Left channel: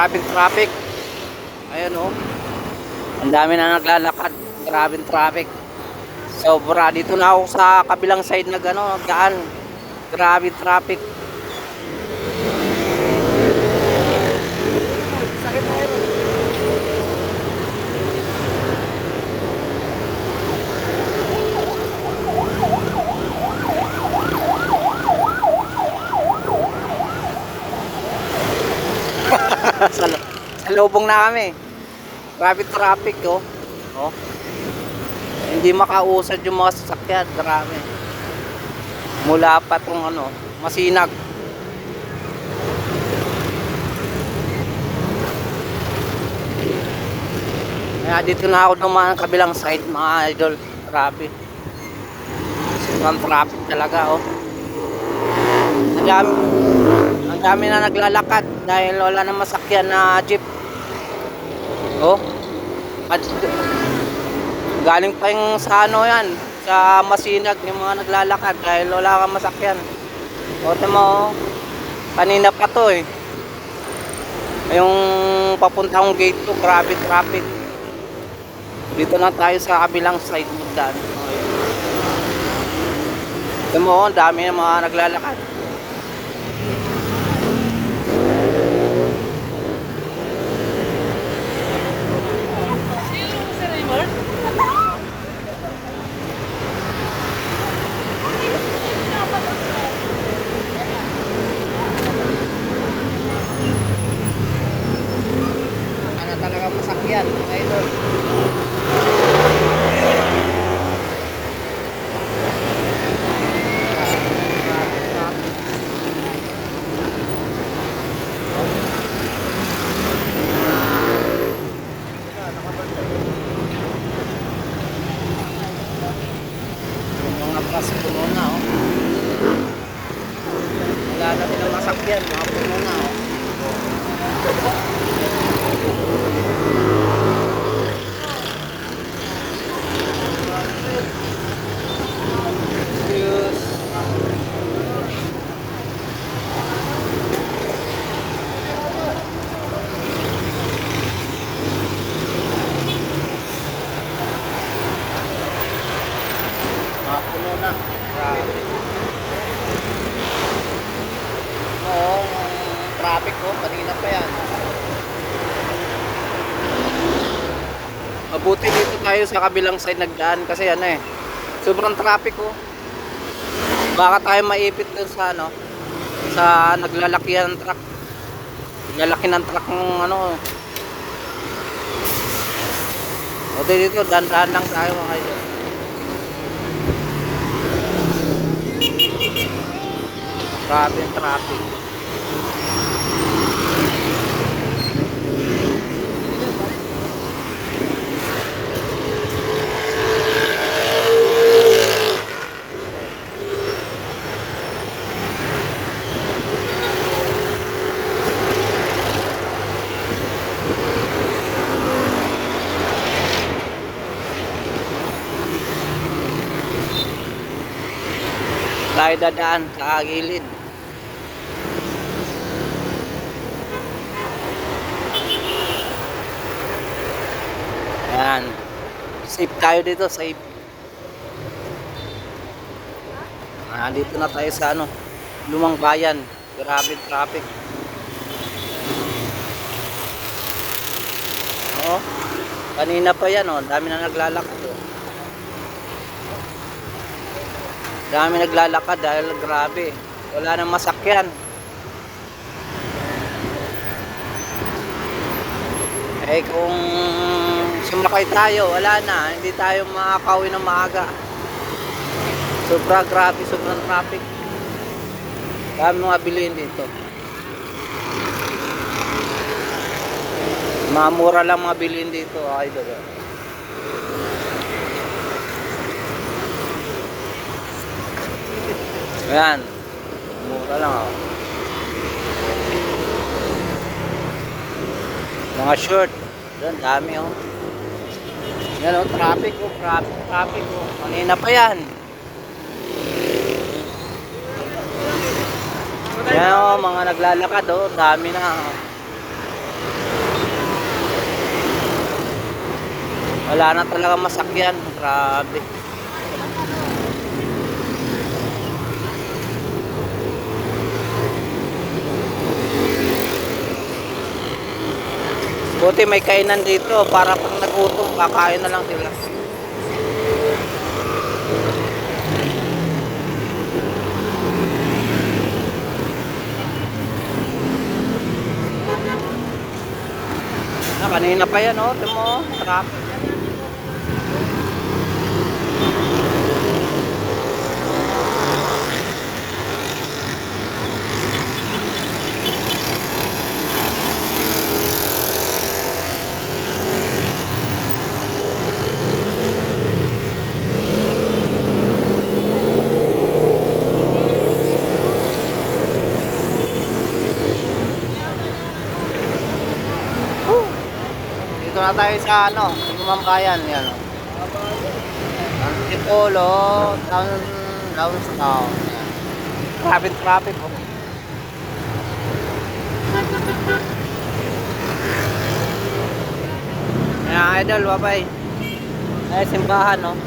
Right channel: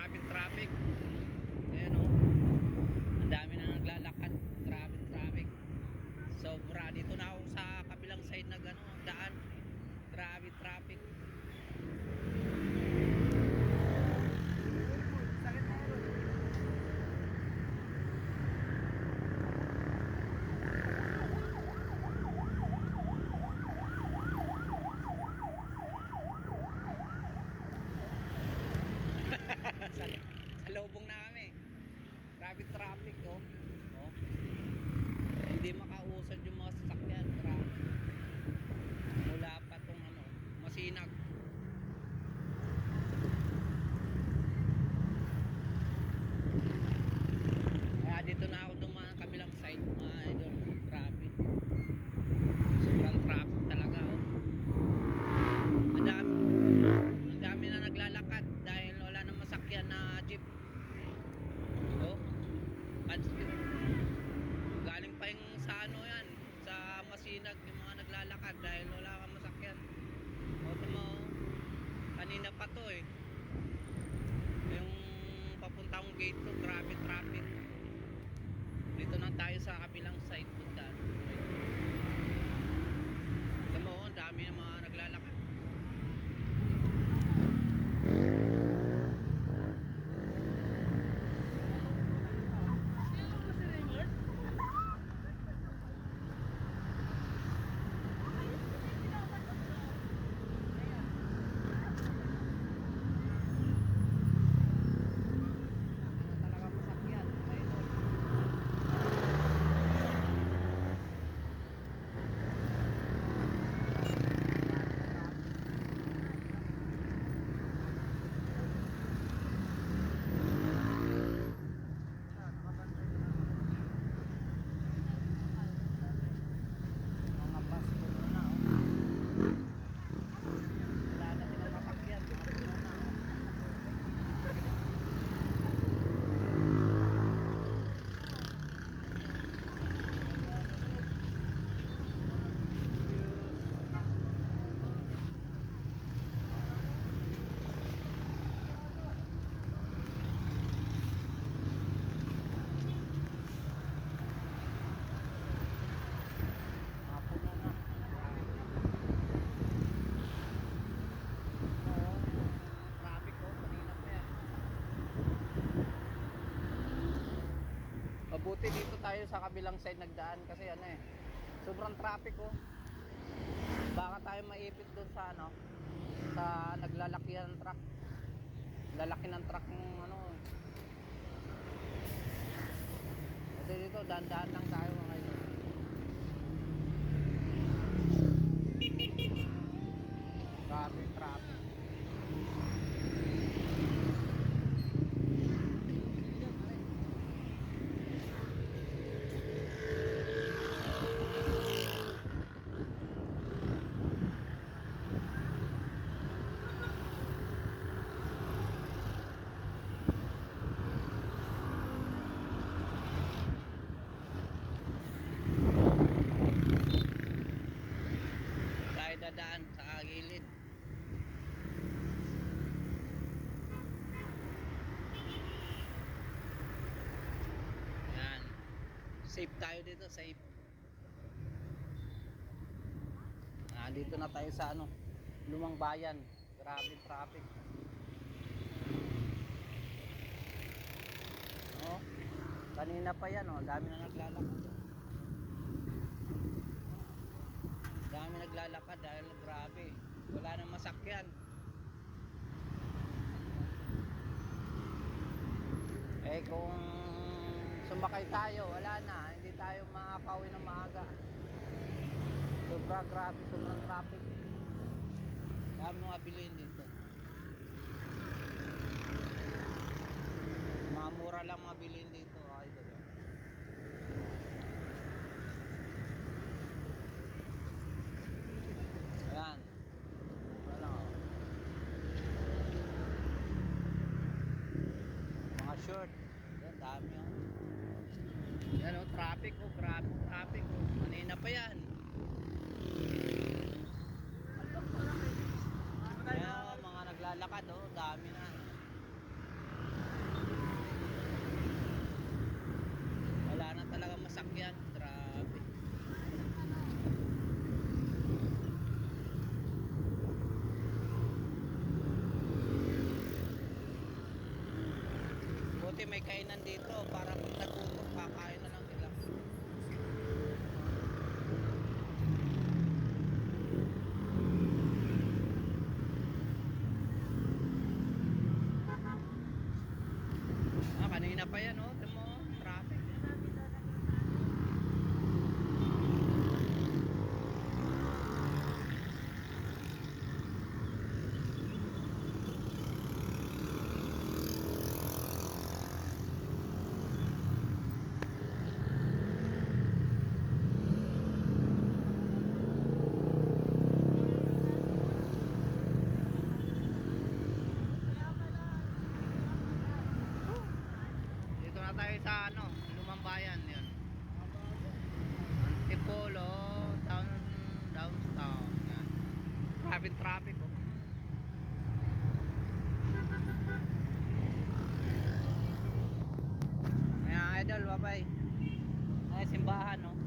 Grabing traffic. Ayun oh. Ang dami na naglalakad. Grabing traffic. Sobra. Dito na ako sa kabilang side na gano'n, daan. Grabing traffic. Sakit na yun. Sa lubong na kami. Grabe traffic oh. Oh. Hindi makausad yung mga sasakyan. Grabe. Mula pa tong ano, Masinag. Kaya dito na ako dumaan kabilang side mga idol. Grabe. Sobrang traffic talaga oh. Ang dami na naglalakad dahil wala na masakyan na jeep. Oh. Galing pa yung sa ano yan, sa Masinag yung mga naglalakad dahil wala kang masakyan. O mo, kanina pa to eh. Yung papuntang gate to, grabe traffic. Dito na tayo sa kabilang side mo daan. Ito mo, dami ng mga naglalakad. Ano talaga masakyan, mga idol. Mga bus puno na oh. Wala na silang masakyan, mga puno na oh. Mga puno na. Grabe. Oo, ang traffic ko, kanina pa yan. Mabuti dito tayo sa kabilang side nagdaan kasi ano eh. Sobrang traffic ko. Baka tayo maipit dun sa ano, sa naglalakihan ng truck. Naglalaki ng truck ng ano. O dito, dahan-dahan lang tayo mga idol. Grabe yung traffic. Tayo dadaan sa gilid. Ayan. Safe tayo dito, safe. Dito na tayo sa ano, Lumang Bayan. Grabe traffic. Oo. Kanina pa yan oh, dami na naglalakad oh. Dami naglalakad dahil grabe. Wala nang masakyan. Eh kung sumakay tayo, wala na. Hindi tayo makakauwi ng maaga. Sobra grabe, sobrang traffic. Dami mga bilihin dito. Mamura lang mga bilihin dito, idol. Ayan. Mura lang oh. Mga short. Doon, dami oh. Yan oh, traffic oh, traffic oh. Kanina pa yan. Yan oh, mga naglalakad oh, dami na. Wala na talaga masakyan. Grabe. Buti may kainan dito para pag nagutom, kakain na lang sila. Kanina pa yan, oh. Ito mo, truck. Dito na tayo sa ano, Lumambayan, yan. Antipolo, downtown. Yan. Traffic oh. Yan, idol, bye-bye. Ay, simbahan, no?